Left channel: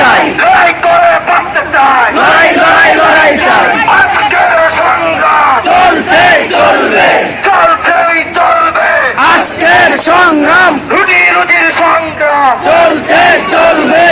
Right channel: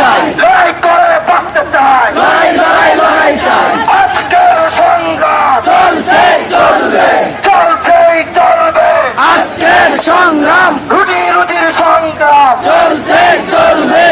চাই, লড়াই করে বাঁচতে চাই, লড়াই লড়াই লড়াই চাই। আজকের সংগ্রাম চলছে চলবে, চলছেই চলবে, আজকের সংগ্রাম রুটি রুটির সংগ্রাম চলছে চলবে।